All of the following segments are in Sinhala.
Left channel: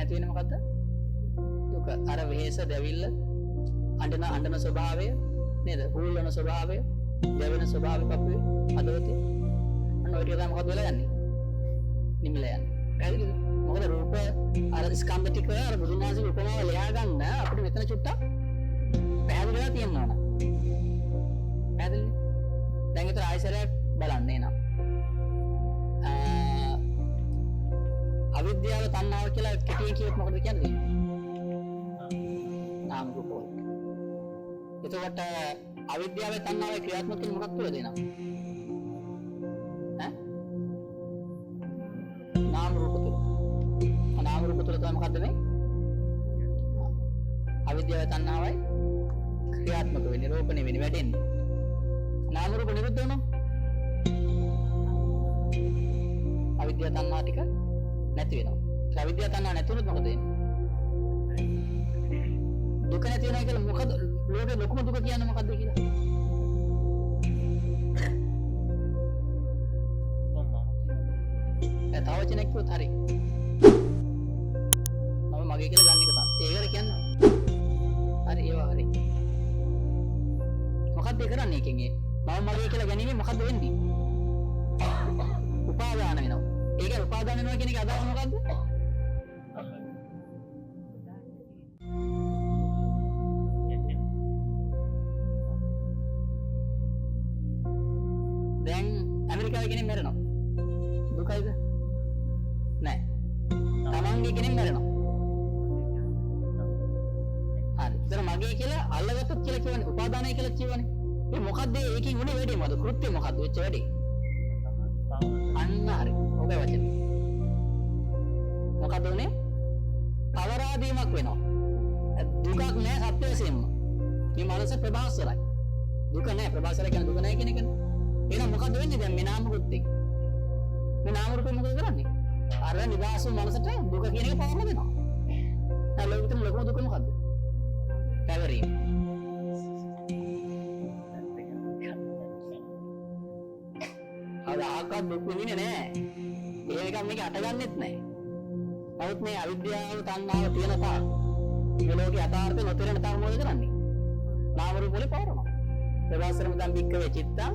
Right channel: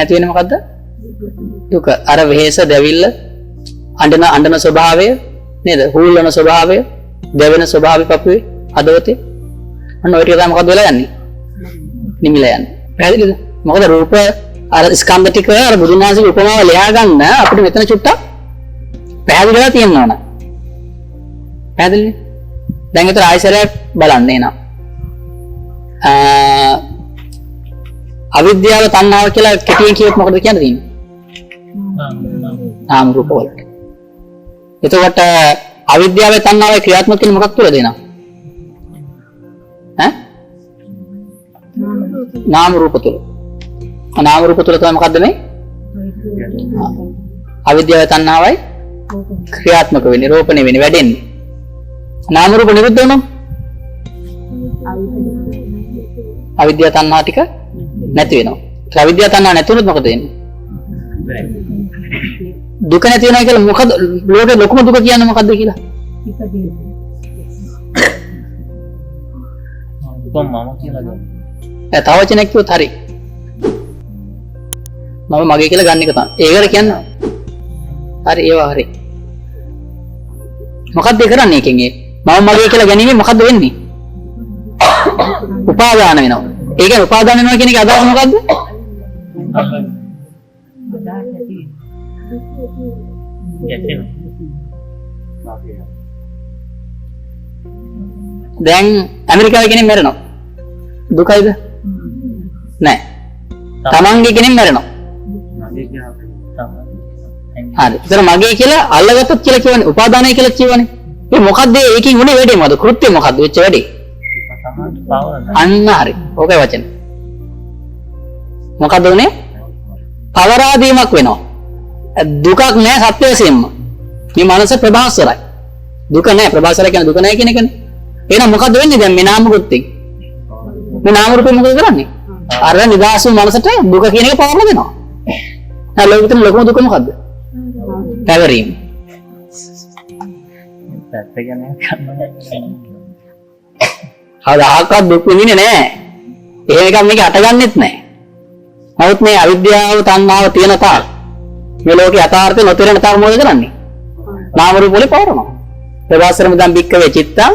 නැති වෙන්නේ මොකද්ද? දුක. අර වෙහෙස දැවිල්ල අඬන ස්වභාවය නේද? හූල්වන ස්වභාවය, දැවෙන ස්වභාවය පපුවේ අදවතේ. අන්න ඔය ටික තමයි මොකද්ද වෙලා යන්නේ? නිමිලා යන්නේ. පැහැදිලිද? මොකද රූප අර ස්කන්ධ ටික අර බුදුන් වහන්සේගේ උපමාව ලියා ගන්න අපිට මෙතන චුට්ටක් පැහැදිලිලා තියෙනවා නේ. පැහැදිලිද? දැන් ඒතර ආයසරයක් බලන්න එනවා. අවිද්‍යාව තණ්හාව කියලා කෙටියෙන් කියොත් මොකද කියන්නේ තියෙන්නේ? නාම රූප වලට. එතකොට අවිද්‍යාවේ තණ්හාවේ ක්‍රියාත්මක වෙන්නේ මොකක් තුලද එනවා? ඈ? නාම රූප තුල. නාම රූප තුල තමයි මොකද්ද මේ? අවිද්‍යාවේ තණ්හාවයි ක්‍රියාත්මක වෙන්නේ, රෝපණය වෙන්නේ, වැඩෙන්නේ. නාම රූප නිරුද්ධ වුණොත් අවිද්‍යාව තණ්හා ටික නැති වෙනවා. ඒ අවිද්‍යාව තණ්හා නැති වුණොත් මොකද වෙන්නේ? දුක නැති වෙනවා කියලා මොකද ලෝකේ ලොකුම දුක කියන්නේ මොකද්ද කියලා? දුක මම කියලා ගන්න. තව වචනයක් කිව්වොත් හරි. මම මගේ කියලා ගන්න එක තමයි. ඒකට කියන්නේ. හරි ඒවා හරි. මොකද්ද කරන්නේ එකෙන් ඒ? මම මගේ කියලා ගැනීම මොකද්ද වෙන්නේ? උපාදාන වෙනවා. ඒ කියන්නේ උපාදාන වෙනවා කියන එක අදහස මොකද්ද? දැන් ඇමරිකාවේ කෙනෙක් මැරෙනවා. දුකයිද? නෑ. තමන්ගේ කෙනෙක් මැරෙනවා. හරි. ඒතර මගේ කියලා අල්ලගත්තොත් කියලා කියවනේ උපාදානයි කියලා කියවනේ. ඒ මොකද්ද ඒකෙන් උනේ වැඩේ මොකද? කෘත්‍ය මොකද්ද වෙච්ච වැඩේ? අන්න හරි. ඕකයි වචන. මොකද උනේ? පවරාදීමක් වෙනවා. දුකක් නෑ සත්‍ය වශයෙන්ම. මේ මනස ප්‍රභාස්වරයි. දුක නෑ ප්‍රභාස්වරයි කියන දුක නෑ කියන එකනේ. එහෙනම් මොකද්ද වෙන්නේ දැන් මේ නාම කෘත්‍යෙන්? මේ නාම රූපේ මොකද කරන්නේ? අර නිදාසු මනසට දුක කියන එක පවරලා දෙනවා. දැන් ලෝකෙට ලොකුම දුක මොකද්ද? පැවරීම. පැත්ත කියන්නේ කවදාකවත් දුක් විඳින්නේ නැහැ. එහෙම එකක් මේක අටගන්නෙත් නැහැ. නමුත් මේ අවිද්‍යාව තණ්හාව තියෙන තාක් මේ ලෝකේ යථාර්ථය නොතේරෙන තාක් මොකද කරන්නේ? නාම රූප වල පවරනවා. ප්‍රවාසරම දැන් බික්කවේ චිත්තං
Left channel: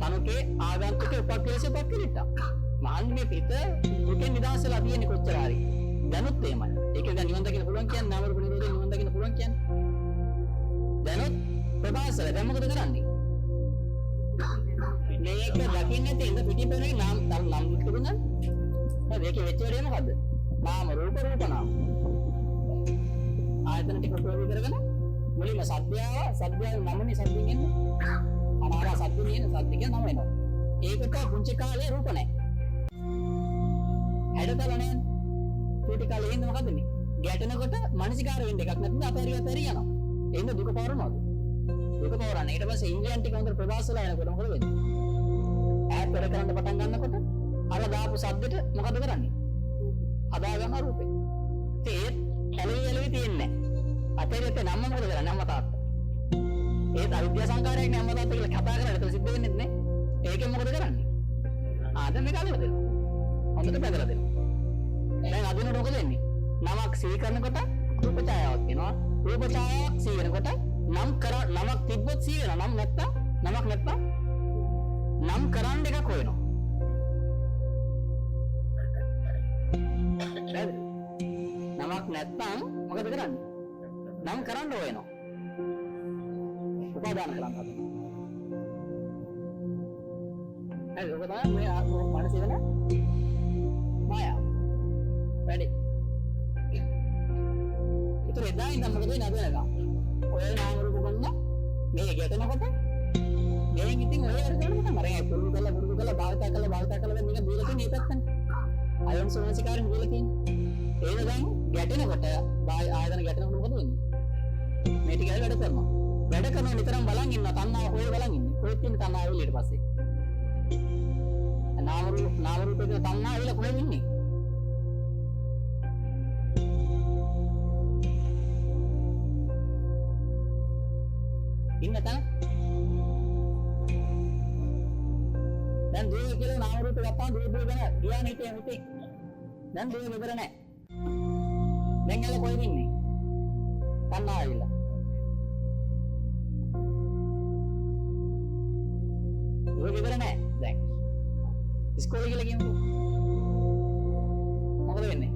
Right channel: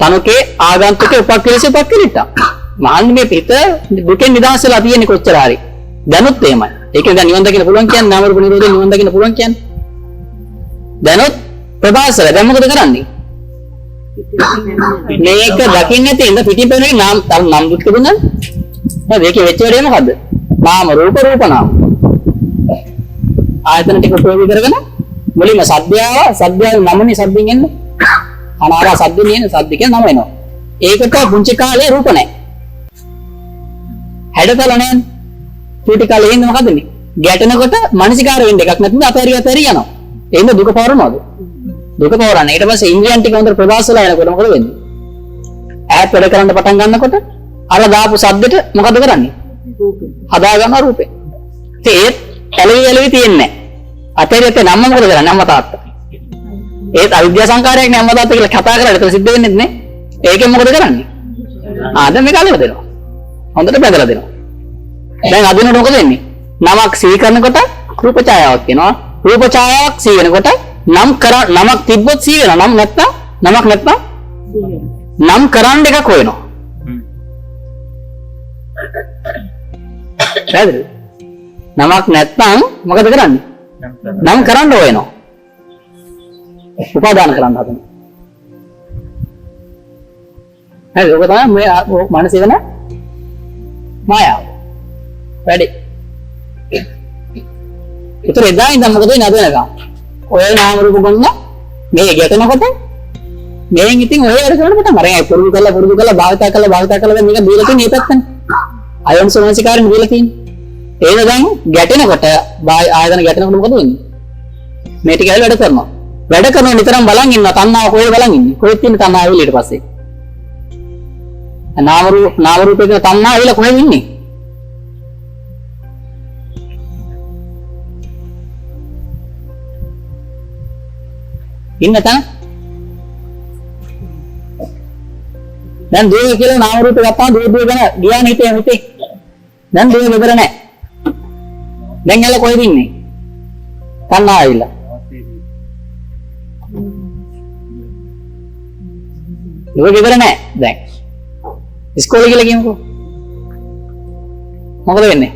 තනුකේ ආගන්තුක උපක්ඛලේශ උපක්ඛලිටා. මාන්නේ මේ පිට දුකෙන් නිදහස් වෙලා තියෙන්නේ කොච්චර හරි. දැනුත් එහෙමයි. ඒකෙන් දැන් නිවන් දකින්න පුළුවන් කියන්නේ නාම රූප නිරෝධයෙන් නිවන් දකින්න පුළුවන් කියන්නේ. දැනුත් ප්‍රවාසර දැන් මොකද කරන්නේ? මේක දකින්න තියෙන පිටින් පේන එක නම් දුක් තිබුණා. නේද? ඒකේ වෙච්ච වැඩේ මොකද්ද? නාම රූප රූප නාම. ආයතන ටික ප්‍රයෝග කරගෙන මුලින්ම සද්දයාව නමනේ සද්දෙන් එන්නේ. අනාරා සද්දෙන් එන්නේ සද්ද කියන නම එනවා. ඒකට පුංචි කාලේ රූප නැහැ. හැඩතල නැහැ. චූටි කාලේ එන්නේ මොකද්ද මේ? ගැටෙනකොට මානසිකාර වෙන්න එකක් නැත්නම් අතහැරි යනවා. එහෙනම් දුක පවරනවද? දුක පවරන්නේ. ඊට පස්සේ ඉන්ද්‍රියන් ටික හොඳට ප්‍රබාසලා යනකොට මොකද වෙන්නේ? ඈත් වැඩ කරන්න පටන් ගන්නකොට අර දාපු සද්දෙට මොකද කරන්නේ? හදා ගන්න රූපේ. ඉතින් ඒත් ඇලවි තියෙන්නේ නැහැ. අතේරියට නම්ම මොකද කරන්නේ? අම්මා තාත්තා. ඒත් අවිද්‍යා සංකාරයක් නේ අම්මා තාත්තා කියලා කතා කරලා ඒක සිද්ධ වෙන්නේ නැහැ. ඒකෙන් මොකද කරන්නේ? දැන් මේක අලව දෙනවා. හොඳට බැඳලා දෙනවා. දැන් අදිනකොට මොකද වෙන්නේ? නමක් සිහි කරනකොට රූප ඡායාවක් එනවා. රූප ඡායාවක් සිහි වෙනකොට නමක් තිබ්බොත් සිහි වෙනවා. නමක් නැත්නම් නම් කරන්න එකක් හොයනවා. පැහැදිලිද? නමක් නැත්නම් මොකද කරන්නේ? නම් කරන්න හොයනවා. උපාදාන කරන්න හදනවා. හරි ඔක තමයි මේ මානසික වෙන මායාව. වැඩි. ඒතර එදා ඉඳන් මොකද වෙන්නේ අද වෙනකම්? ඔය නාම රූප ගන්න මේ ගැටෙනකොට මේන් ඉතින් ඔය වැඩ කරන්න පටන් අරන් පුරුදු කරලා භාවිතා කරලා මේක දීලා තියෙන මේ පැත්තනේ. අයෝන් සෝමනසිකාරෙන් දීලා තියෙන්නේ. ඒක දැන් ගැටෙනකොට ආයතන ගැටෙනකොට මොකද වෙන්නේ? මේ ටික ඇවිල්ලා වැඩ කරනවා. වැඩ කරනවා නිතරම බලන් ඉන්නවා. තණ්හාව කොහෙද බලන් ඉන්නේ? කොහෙද තියෙන තණ්හාව ඇවිල්ලා ඊට පස්සේ? නාම රූපේ කියන තණ්හාව ඇවිල්ලා කොහෙද ඉන්නේ? ඉන්න තැන දැන් දුව කියලා නාම රූපේ ගත්තාම දුව ගැන ගියානේ හිතේ. දැන් දුව විතර නැහැ. දැන් එල කොහෙද ඉන්නේ? තණ්හාව ඇවිල්ලා. ඒක ඉවර නෑ දැන්. ඉස්කෝලේ කියලා කියමුකෝ. මොකද වෙන්නේ?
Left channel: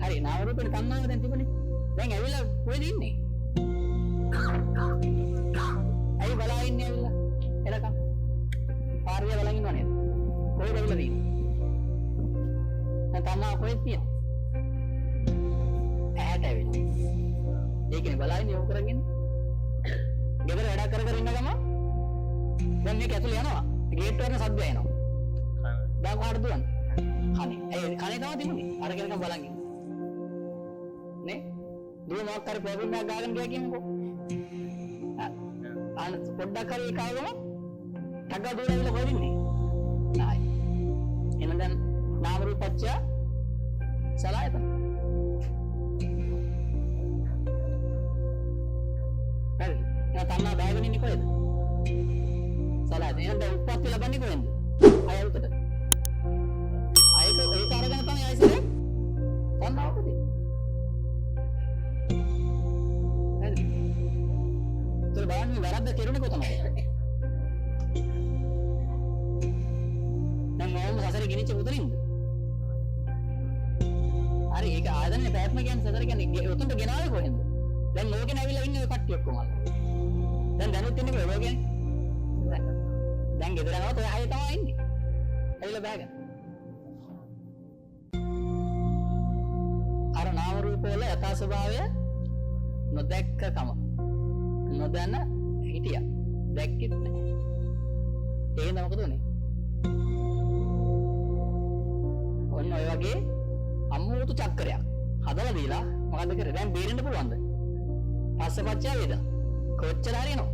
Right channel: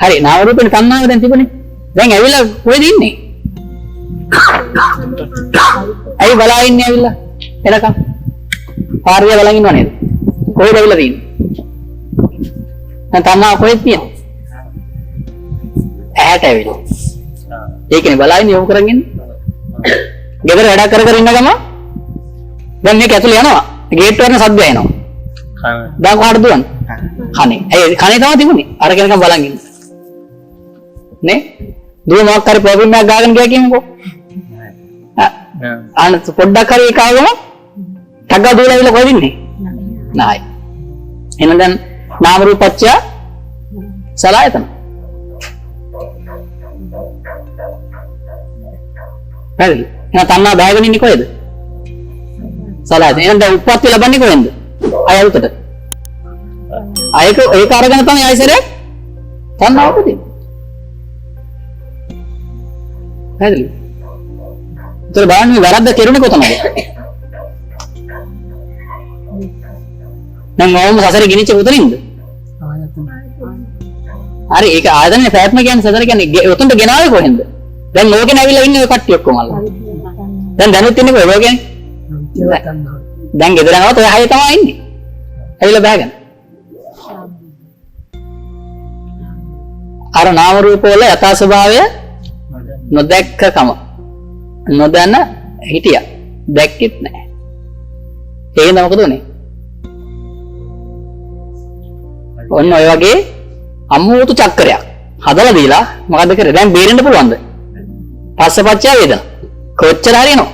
හරි නාම රූපේ තණ්හාව දැන් තිබුණේ. දැන් ඇවිල්ලා කොහෙද ඉන්නේ? ඇයි බලා ඉන්නේ ඇවිල්ලා? එනකම්. පාරිය බලන් ඉන්නව නේද? කොහෙද ඇවිල්ලා තියෙන්නේ? දැන් තණ්හාව කොහෙද තියෙන්නේ? ඇහැට ඇවිල්ලා. ඒකනේ බලා ඉන්නේ යොමු කරගෙන ඉන්නේ. ගෙදර වැඩ කර කර ඉන්න ගම දැන් මේක ඇතුලේ යනවා. ගේට් වලින් සද්ද එනවා. දැන් කොහාටද දුවන්නේ? කනේ. ඒ කනේ තමයි තිබුණේ. අර කෙනකම් බලන් ඉන්න. නේ? දුව මොකක් හරි ප්‍රොබ්ලම් එකක් ගාගෙන ගියා කියමුකෝ. ආන පොඩ්ඩක් හරි ඒක ආවම ටග්ගා දුවලා ඉවිල කොහෙද ඉන්නේ? නෑ. එහෙනම් දැන් නාම රූපච්චය සලආයතන. හරි. එහෙනම් තණ්හා බෑගෙන ඉන්නේ කොහෙද? සලආයතන. එහෙනම් දැන් උප්පත්ති ලබන්නේ කොහෙන්ද? අයල්කට. ඒක අරගෙන තමයි ආයසරයක් තණ්හාව උපදින්නේ. හරිද? ඒතර බලන්න මේ වැරද්ද කෙරුණේ කොතනද? නම් ඕම සසරේ ගිනිච්ච උතරින්ද? හරි ඒක ආයතනේ ප්‍රයත්න කියන්නේ සසර කියන්නේ උතන්ට ගෙනාවේ කොහෙන්ද? දැන් ලෝකෙ නැවිලා ඉන්නේ ඔය කට්ටිය ඔක්කොම අල්ල. දැන් දැනුත් ඉන්නේ කොහෙද ලෝකෙනේ? දැන් ගෙදර යනවත් ඔය හය තමයි ඉන්නේ. ඇවිල්ලා බෑගෙන. අර නාම රූප වල යථා ස්වභාවය නොදැක්කකම නොදැන හිටියා. දැක්කෙත් නැහැ. ඒකෙන්ද මොකද උනේ? ඔන්න ඔය වගේ අමුතු චක්‍රයක් හදලා දීලා මොකද කරේ? දැන් බේරෙන්න පුළුවන්ද? පස්සපච්චය වේදනා. කොච්චර හරියනෝ?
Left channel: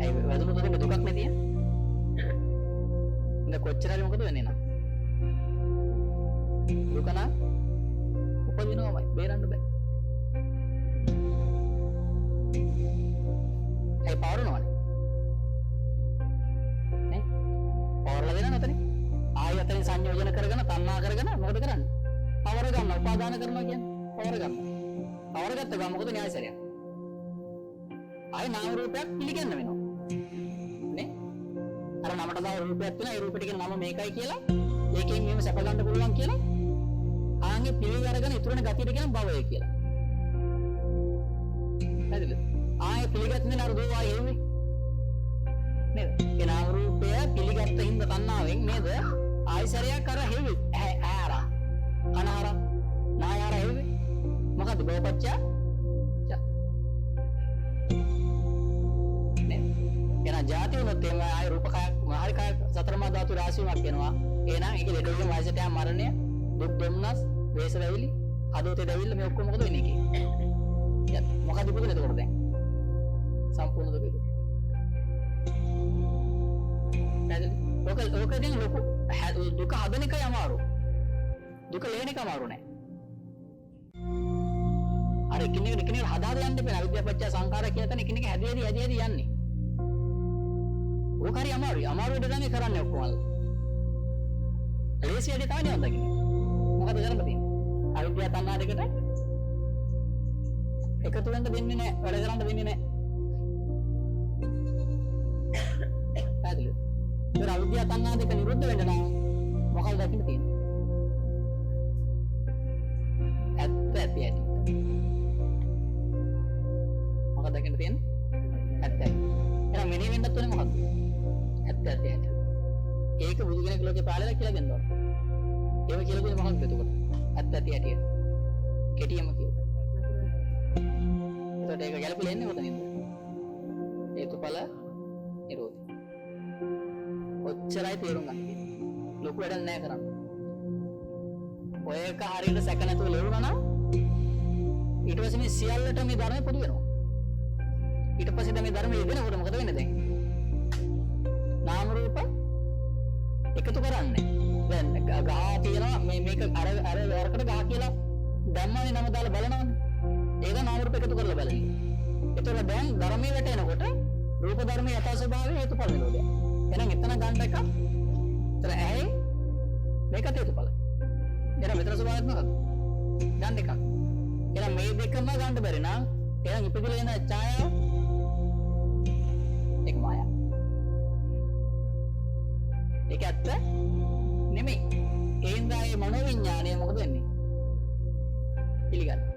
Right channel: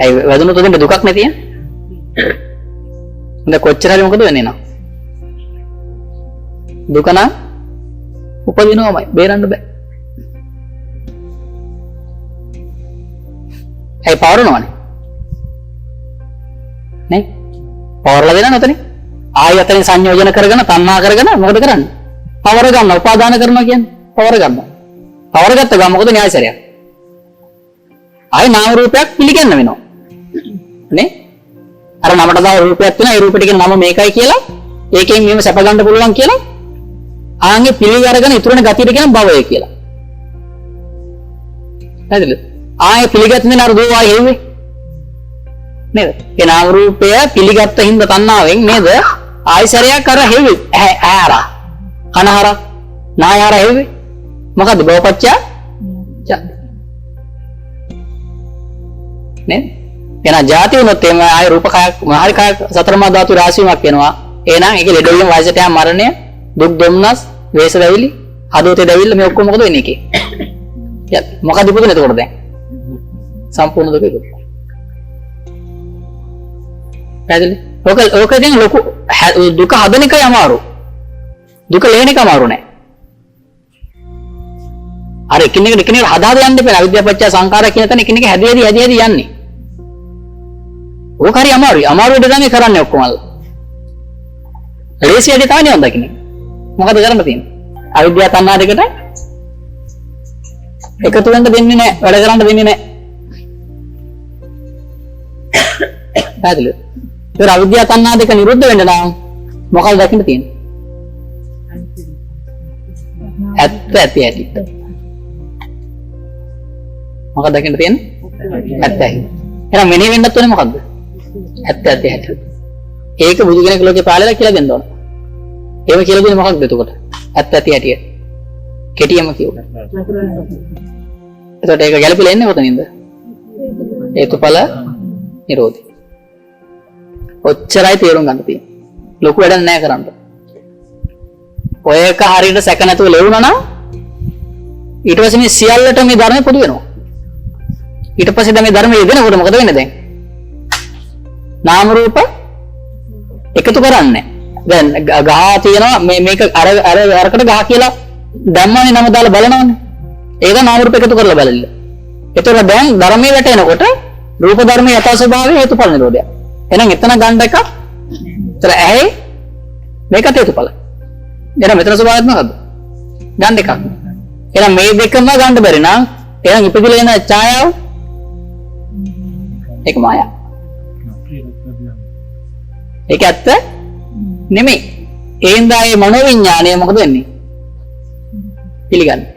ඇයි වැදුනොත් උදේට දුකක් නැතිය? දැන් කොච්චර හරි මොකද වෙන්නේ නෝ? දුක නම් උපදිනවමයි බේරන්න බෑ. ඇයි පවරනවනේ? නේ? පවරලා දෙනවා නැතනේ. ආයෙ අතරින් සංයෝජන කරගෙන තණ්හා කරගෙන මොකද කරන්නේ? පවර ගන්න උපාදාන කරනවා කියන්නේ පවර ගන්නවා. පවර ගත්ත ගමන් මොකද න්‍යායසරයක්? ආයෙ නාම රූපයක් පිළිගන්න වෙනවා. නේ? අර නමට දාන රූපයක් තියෙනවා. ඒ රූපෙට කියන නම මේකයි කියලා ඒකෙන් මෙහෙම සැප ගන්න පුළුවන් කියලා ආන්ගේ පිළි අරගෙන ඉතුරුන ගතියට කියන භවය කියලා. හරිද? ආයෙ පිළිගත්තේ නේද දුව ආයෙ හෙව්වේ? නේද? ඒ නාම රූපය පිළිගත්ත හින්දා තණ්හාවෙන් නේද? ආයසරයක් අර හෙව්වේ. ඈරා. කනහර නායහර හෙව්වේ. මොකද්ද බවපච්චය? නේ? එහෙනම් ಜಾති වුණොත් එම ආය රූප කයක් මහරි කයක් සතරමා ධාතු රාශියක් වෙනවා. එහෙනම් ඒකේ ලෙඩ වීම වයසට යාම මරණය දුක් දුම්නස් වේස වැවිලි හදවතේ දැවිල්ල මේ ඔක්කොම මොකද වෙන්නේ එකේ? මොකද ඉපදුනේ එතකොට දැන්? සම්පූර්ණ දුක ඉපදුනේ. පැහැදිලි? ඕක දැන් ලොකු දුක හදන එකයි අමාරු. දුක ලේන එක අමාරු නෑ. අර එකිනෙකට හදාද යන්න බෑ. අවිද්‍යාව පත්‍ය සංඛාර කියන තැන එකිනෙක හැදි යන්නේ. ඕක හරි අමාරුයි. අමාරු වැඩ තමයි කරන්නේ ඔක්කොම අල්ල. ලේසි වැඩ තමයි නිවන් දකින්නේ. මොකද කරන්න තියෙන්නේ? අවිද්‍යාව තණ්හා දෙකට එකතු වෙන්න දෙන්නේ නැහැ. වැඩ කරන්න දෙන්නේ නැහැ. පැහැදිලිද? ඒක අවිද්‍යාව තණ්හා දෙක නිරුද්ධ වෙන්න නම් මොකක්ද දකින්න තියෙන්නේ? ඇත්ත ඇති. මොකක්ද දකින්න තියෙන්නේ? ඇත්තයි. එහෙනම් මෙනෙහි වෙන්නත් ඕනේ මොකද්ද? ඇත්ත. ඒක බුදු කෙනෙක් ලෝකේ පාලලා කියලා දෙන්න ඕන. එහෙම කියලා දෙන්නේ මොකක්ද එතකොට? ඇත්ත ඇති. කෙටියම කියුවා. එතකොට ඒක ගැළපෙලා ඉන්නේ කොතනින්ද? හේතුඵල නිරෝධය. ඔච්චරයි තේරුම් ගන්න තියෙන්නේ. ලොකු වැඩක් නැහැ කරන්න. ඔය එක හරියට සැක නැතුව ලැබුණා නම් ඊට පස්සේ මේ සියල්ලට මේ ධර්මය පොදු වෙනවා. ඊට පස්සේ දැන් මේ ධර්මය යෙදෙනකොට මොකද වෙන්නේ දැන්? නාම රූප එකතු කරන්නේ. දැන් ගහ තියෙනවා මේක අරකට ගහ කියලා ධම්මනේ නම දාලා බලනවනේ. ඒක නාම රූප එකතු කරලා බලන්න. ඒතකොට දැන් ධර්මයේ වැටෙනකොට රූප ධර්මයේ යථා ස්වභාවය හේතුඵල නිරෝධය. එහෙනම් එතන ගන්න එක ඒතර ඇහි මේකත් හේතුඵල. එහෙනම් මෙතන ස්වභාවයක් මොකද්ද? ගන්න එකක්. එහෙනම් මේ දෙකම ගන්න බැරි නම් එහෙනම් ඉපදිලා එන ඡායාව ඒක මායාව. ඒක ඇත්ත නෙමෙයි. එහෙන්දා මේ මනෝවිඤ්ඤාණය මොකද වෙන්නේ? පිළිගන්නේ.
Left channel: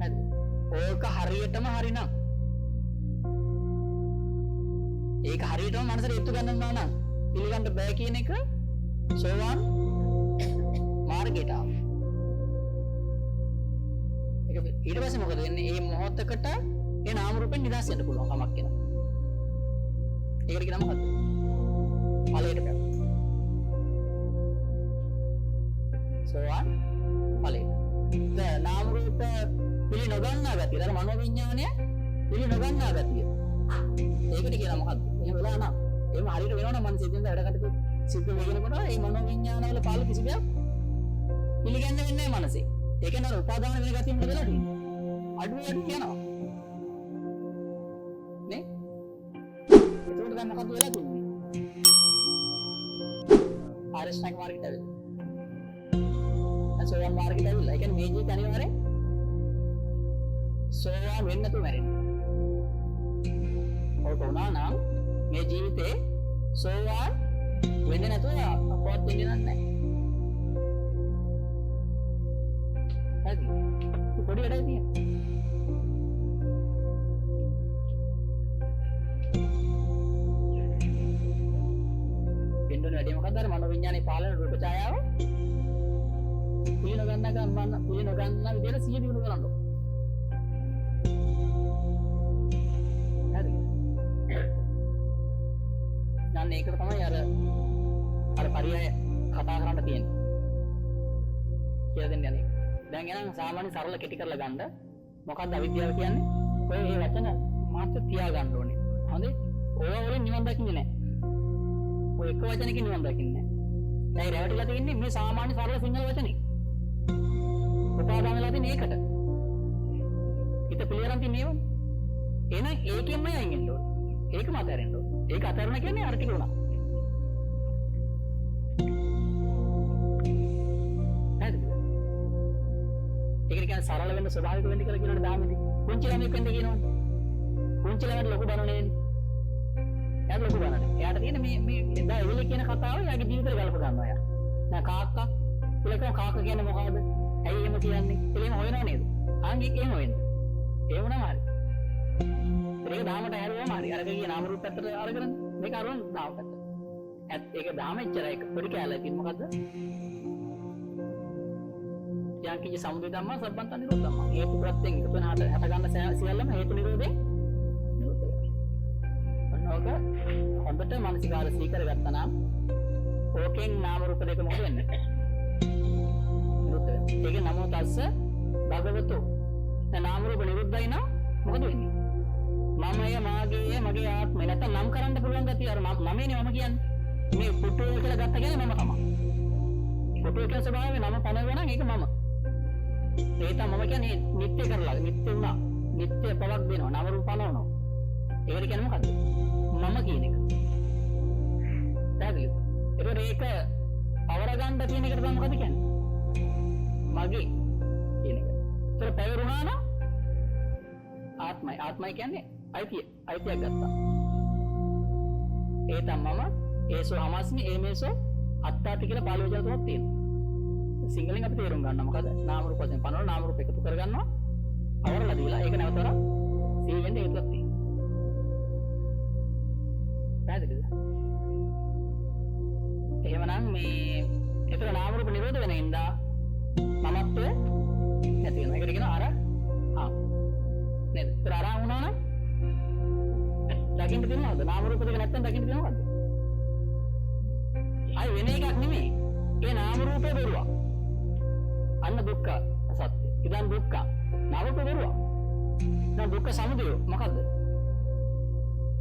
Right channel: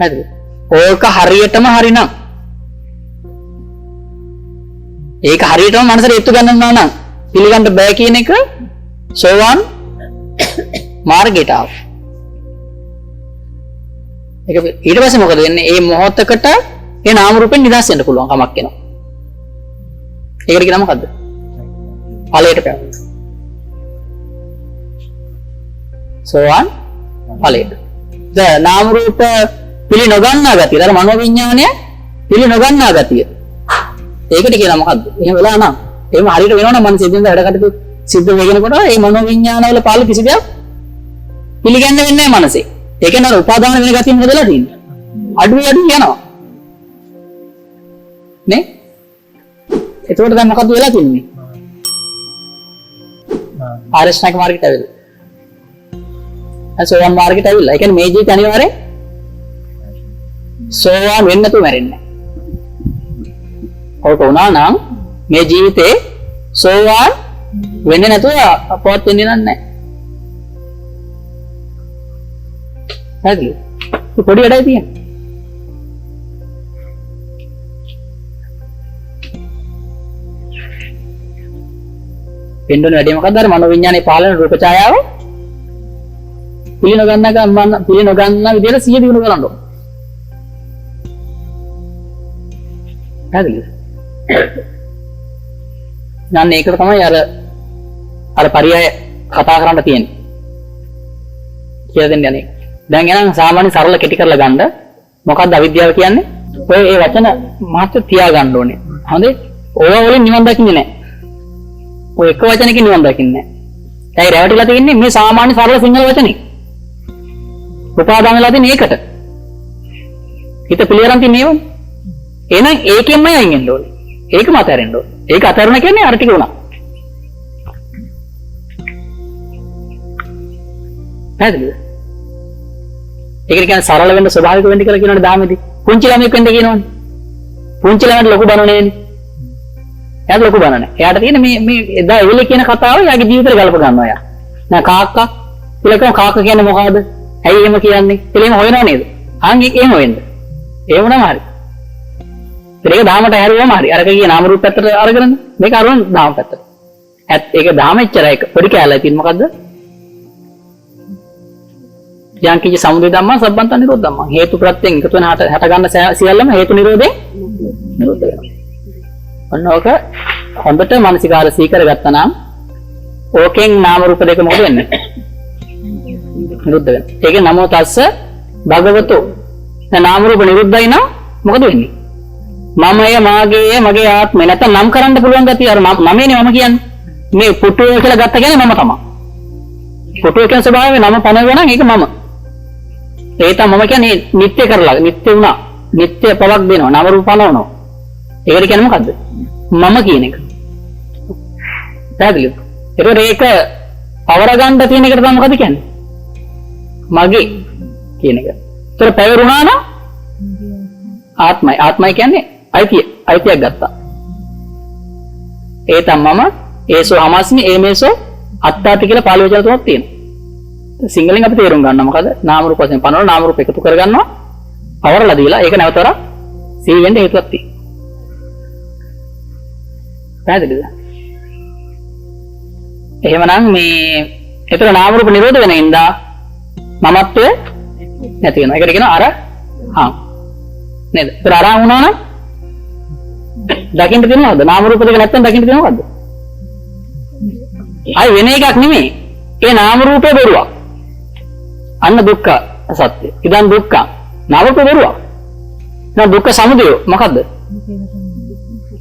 හරිද? ඕක හරියටම හරිනම් ඒක හරියටම මනසට ඒත්තු ගන්නවා නම් පිළිගන්න බෑ කියන එක සෝවාන් මාර්ගයට ආව. ඒක ඊට පස්සේ මොකද වෙන්නේ? මේ මොහොතකට ඒ නාම රූපෙන් නිදහස් වෙන්න පුළුවන් කමක් එනවා. ඒකට කියන මොකද්ද? ඵලයට පැමිණෙන. සෝවාන් ඵලයට. දැන් නාම රූප පිළි නොගන්නා ගතිය. අර මනෝවිඤ්ඤාණය පිළි නොගන්නා ගතිය. ඒකට කියන මොකද්ද? එහෙම වෙලා නම් එහෙම හරියට වෙනවනම් මනසේ දෙන්න වැඩ කටයුතු සිද්ධ වෙගෙනකොට මේ මනෝවිඤ්ඤාණ වල පාළු කිසි දෙයක් පිළිගන්න වෙන්නේ නැහැ මනසේ. ඒක නේද උපාදාන වෙන ගතිය මොකදලා තියෙන්නේ? අඩු යනවා. නේ? එතකොට දැන් මොකද්ද වෙලා තින්නේ? ආරෂ්ණක මාර්ගයට ඇවිල්ලා. සෝවාන් මාර්ගයට ඇවිල්ලා. ඒ කියන්නේ මේ ජීවිතය අනිවාර්යෙන් සෝවාන් වෙන්න තු මැරෙන්නේ. ඔක වුණා නම් මේ ජීවිතේ සෝවාන් වෙන්නේ නැතුව අපවත් වෙන්නේ නැහැ. හරිද? පොඩි වැඩයි තියෙන්නේ. වෙන්නෝනේ වැඩි මොකක්ද? අර මනෝවිඤ්ඤාණේ පාලන රූප ඡායාව පිළි නොගන්න විදිහට සිහිය දිනු කරන්න ඕන. හරිද? යන්නේ ඒකට තමයි අර පරියය කතා කරන්න තියෙන්නේ. කියලා දෙන්න යන්නේ. දැන් එනං සාමාන්‍ය සරල කෙටි කරලා ගන්න. මොකක්ද අවිද්‍යාව කියන්නේ? ඔය ඒ වචන මාත්‍ර තියා ගන්න ඕනේ. හොඳේ? ඕවා වලින් නිවන් දකින්නේ නැහැ. ඔය එක වචනකින් නිවන් දකින්නේ නැහැ. ඒයි රැවටිලා තියෙන්නේ මේ සාමාන්‍ය සරල සිංහල වචනේ. උපාදාන වෙලා තියෙන්නේ ඒකට. හිත පිළියරන් තින්නේ ඒවනේ. එහෙනම් ඒකෙන්මයි අයින් වෙන්න ඕනේ. ඒකම අතහැරෙන්න ඕනේ. ඒක අතහැරන කියන්නේ අර ටික උනා. හරිද? ඒකට කියන්නේ සරල වෙන්න ස්වභාවික වෙන්න කියලා කියනවනේ ධාමෙදී. පුංචි ළමෙක් වෙන්න කියනවනේ. පුංචි ළමයට ලොකු බන නෙවෙයි. එයාට ලොකු බන නැහැ. එයාට තියෙන මේ එදා එවිල කියන කතාව එයාගේ ජීවිතේට ගලප ගන්නවා එයා. නෑ කාක්කා කියලා කියනවා කාක්කා කියන්නේ මොකද්ද? ඇයි එහෙම කියන්නේ? කියලා එහෙම හොයනව නේද? ආන් එහෙම වෙන්න. ඒ වුණාම හරි. ඒක ධාමයට හැරුවම හරි. අරක ගියේ නාම රූප පැත්තට අරගෙන මේක අරන් ධාම පැත්තට. ඒක ධාම එච්චරයි. පොඩි කැලේ තියෙන මොකද්ද? යම් කිසි සමුදය ධම්මා සම්බන්ත නිරෝධ ධම්මා. හේතු ප්‍රත්‍යයෙන් එකතු වෙන හට ගන්න සියල්ලම හේතු නිරෝධේ නිරෝධ වෙනවා. ඔන්න ඕක හොඳට මානසිකාර සීකර ගත්තා නම් ඕකෙන් නාම රූප දෙක මොකද වෙන්නේ? නිරුද්ධ වෙනවා. ඒකේ නමෝ තස්ස භගවතෝ. දැන් නාම රූප නිරුද්ධයි නම් මොකද වෙන්නේ? මමය මාගේය මගේ ආත්මය නැත්නම් නම් කරන්න පුළුවන් ගතිය අර මමනේ මම කියන්නේ. මේ පුටුව කියලා ගත්ත කියන්නේ මම තමයි. පුටුව කියන ස්වභාවය නම පනවනවා නම් ඒක මම. ඒ තමයි මම කියන්නේ නිත්‍ය කරලා නිත්‍ය වුණා. නිත්‍ය පවක් දෙනවා. නාම රූප පනවනවා. ඒකට කියන්නේ මොකද්ද? මම කියන එක. පැහැදිලිද? ඒක පවර ගන්න තියෙන එකට තමයි මොකද කියන්නේ? මගේ කියන එක. ඒතර පැවරුණා නම් ආත්මයි. ආත්මයි කියන්නේ අයිතියක් ගත්තා. ඒ තමයි මම ඒසෝ හමස්මි ඒමේසෝ අත්තාති කියලා පාළි වචන තුනක් තියෙනවා. සිංහලෙන් අපි තේරුම් ගන්නවා මොකද? නාම රූප වශයෙන් පනවන නාම රූප එකතු කරගන්නවා. පවරලා දීලා ඒක නැවතවර සිහි වෙන්න හේතුවක් තියෙනවා. පැහැදිලිද? එහෙමනම් මේ ඒතර නාම රූප නිරෝධ වෙන ඉඳා මමත්වය නැති වෙනවා. ඒකට කියනවා අරහං. නේද? ඒතර අරහං වුණා නම් දකින්න තියෙනවද? නාම රූප දෙක නැත්තම් දකින්න තියෙනවද? අය වෙන එකක් නෙමෙයි. ඒ නාම රූපේ බොරුවක්. අන්න දුක්ඛ සත්‍ය. ඉදන් දුක්ඛ. නාම රූපේ බොරුවක්. දැන් දුක්ඛ සමුදය මොකද්ද?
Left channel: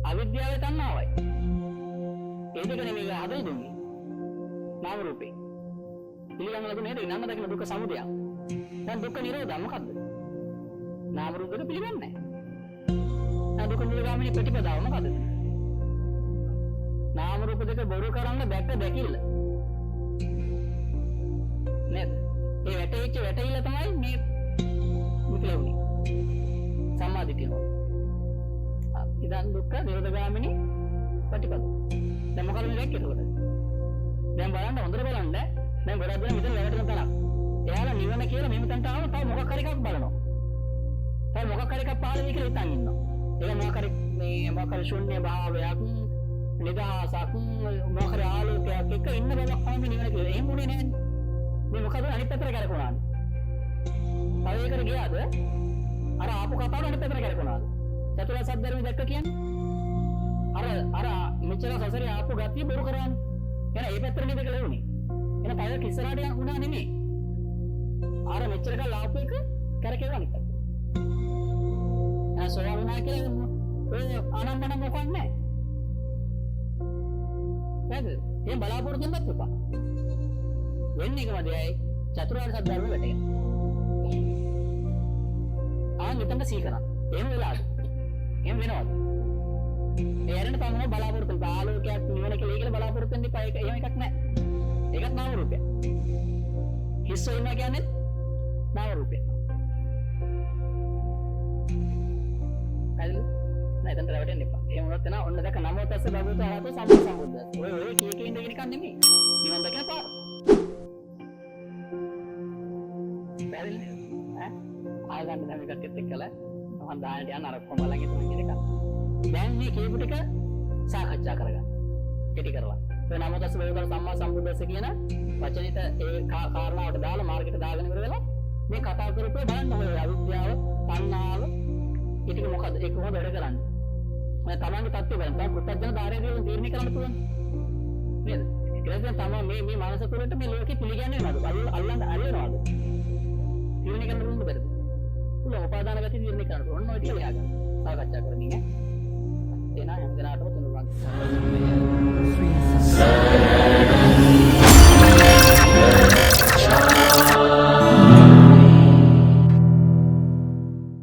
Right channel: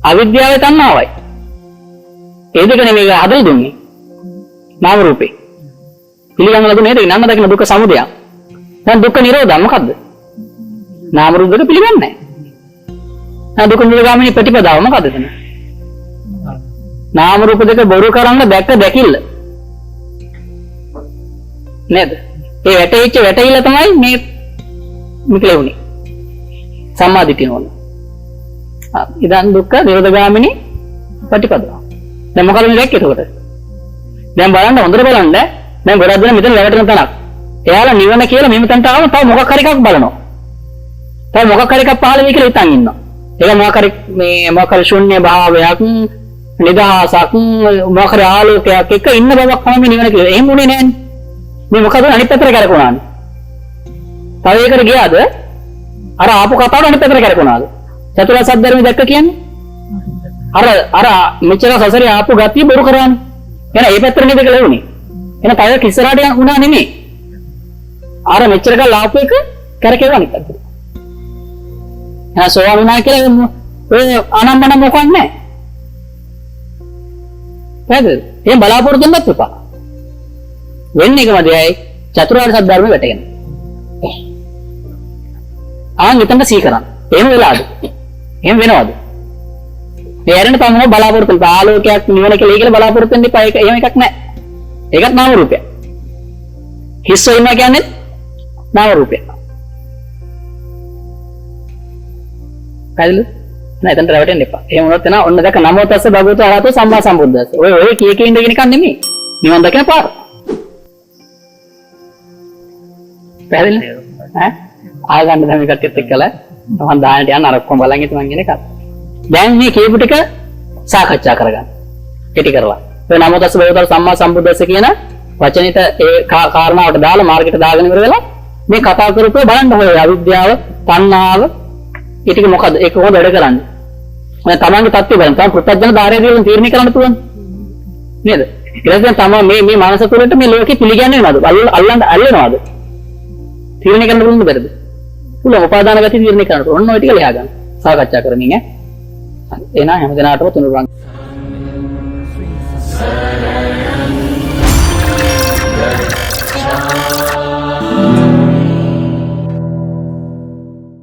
අවිද්‍යාවේ තණ්හාවයි. ඒ දෙක නෙමෙයි හදලා දුන්නේ. නාම රූපේ. පිළිගන්න ලැබුණේ නේද? නන්න දකින්න දුක්ඛ සමුදය. දැන් දුක්ඛ නිරෝධය මොකද්ද? නාම රූප දෙක පිළිගන්නේ නැහැ. දැන් දුක්ඛ නිරෝධගාමිනී ප්‍රතිපදාව මොකද්ද එතන? නාම රූප දෙක බොරු කරන්න දැක්ක දැකිල්ල. නේද? ඒ වැටහිල්ල තමයි මේ මිකලෙවුනේ. සම්මාදිටිය නෝන. ඉදන් දුක්ඛ නිරෝධගාමිනී පටිපදාව. දැන් මොකද මේ දැක්කේ එතකොට? දැන් බලන්න හොඳට බලන්න. දැන් ගොඩක් දෙනා මෙතන වැටෙන තැනක්. එයාලා නිවන කියලා මෙහෙම තැනට ආවම තව මොකක් හරි එකක් බලනවා. තව මොකක් හරි එකක් පහළ වෙයි කියලා හිතන් ඉන්නවා. ඒක මොකක් හරි ශුන්‍ය භාවයක්, නිදහසක්, මොකක් හරි ආලෝකයක් එක ඉන්න බවක් තමයි නිවන කියලා. එහෙම උනේ නෑනේ. මේ මොකද අනිත් පැත්තට කරකවනානේ. තව ඒකට ගියාද? අර ආපු කතාවට අනිත් පැත්තට කරකවනාද? චතුරාර්ය සත්‍ය ධර්මය දැක්ක කියන්නේ? අර මෙච්චර සසරේ ආපු ගතිය බොරු කරානේ. එහෙනම් ඒ පැත්තට නේද කියලා වුනේ. එහෙනම් තව කිස්සරාට යුණා නෙමෙයි. අර මෙච්චර කල් ආපු එක කරකෙව අනිත් පැත්තට. එහෙනම් සෝවාන් වුණා කියලා ඔය අනම්මන මොකක් නැහැ. හරිද? එහෙනම් බලාපොරොත්තු වෙන්නත් එපා. වෙන්නේ කොහමදයි? චතුරාර්ය සත්‍ය ධර්මය වැටගෙන. මෙතන සී කරන්න. එහෙම වෙලාද? එහෙම වෙනවද? තේරෙන්න තමයි බලාපොරොත්තු වෙන ආලෝකයක් නිවන කියලා බලාපොරොත්තු වෙන්න එපා. ඒක එහෙම එකක් නැහැ. ඒකත් නාම රූපයක්. හිස්ව ඉන්නවා කියන්නේ නාම රූපයක්. හරිද? නෑ එතනට රැවටෙන්න එපා. එහෙම වුණොත් එනවා ඔන්න දැක නමෝ තස්ස භගවතු අරහතෝ සම්මා සම්බුද්දස්ස. ඔය කීකේ ඉඳගෙන නිකන් නෙමෙයි. නිවන් දකින පාර. පැහැදිලිද? ආගන්න දැන් මේ කට්ටියත් එක්කලා මම දාන්නට යන්න අර ඔක්කොම බලන් ඉතින් මං කියන එක. දැන් මේ කියපු ටික සාකච්ඡා කරගන්න. කෙටි කරලා. ඔය නමෝ තස්ස භගවතු සම්මා සම්බුද්දස්ස කියන වචනෙට ඒ කාරණාවට දාලා මාර්ගයට දාගෙන ඉවර වෙලා මේ කතා කරපුවා බලන්න ඔය අවිද්‍යාව, තණ්හාව ඊටික මොකද? ඒක කොහොමද වැඩ කරන්නේ? මම තමන්ගේ தත්ත්වය බලන්න. තම පුත්තජන ධාරය දිහා තීරණය කරන්න පුළුවන්. නේද? ඊට පස්සේ තමයි මේ මානස තුළට මේ ලෝකෙ පිළිගන්නේ නැද්ද? අල්ලනවාද? තීරණය කරන්න පුළුවන් බැරිද? පුළුවන්. උපාදාන ගති තීරණය කරන්න. ඔන්න ඔය ටික ලියා ගන්න. සාකච්ඡා කරමින් ඈ. එහෙනම් හැමදෙනාටම තුනුරුවන්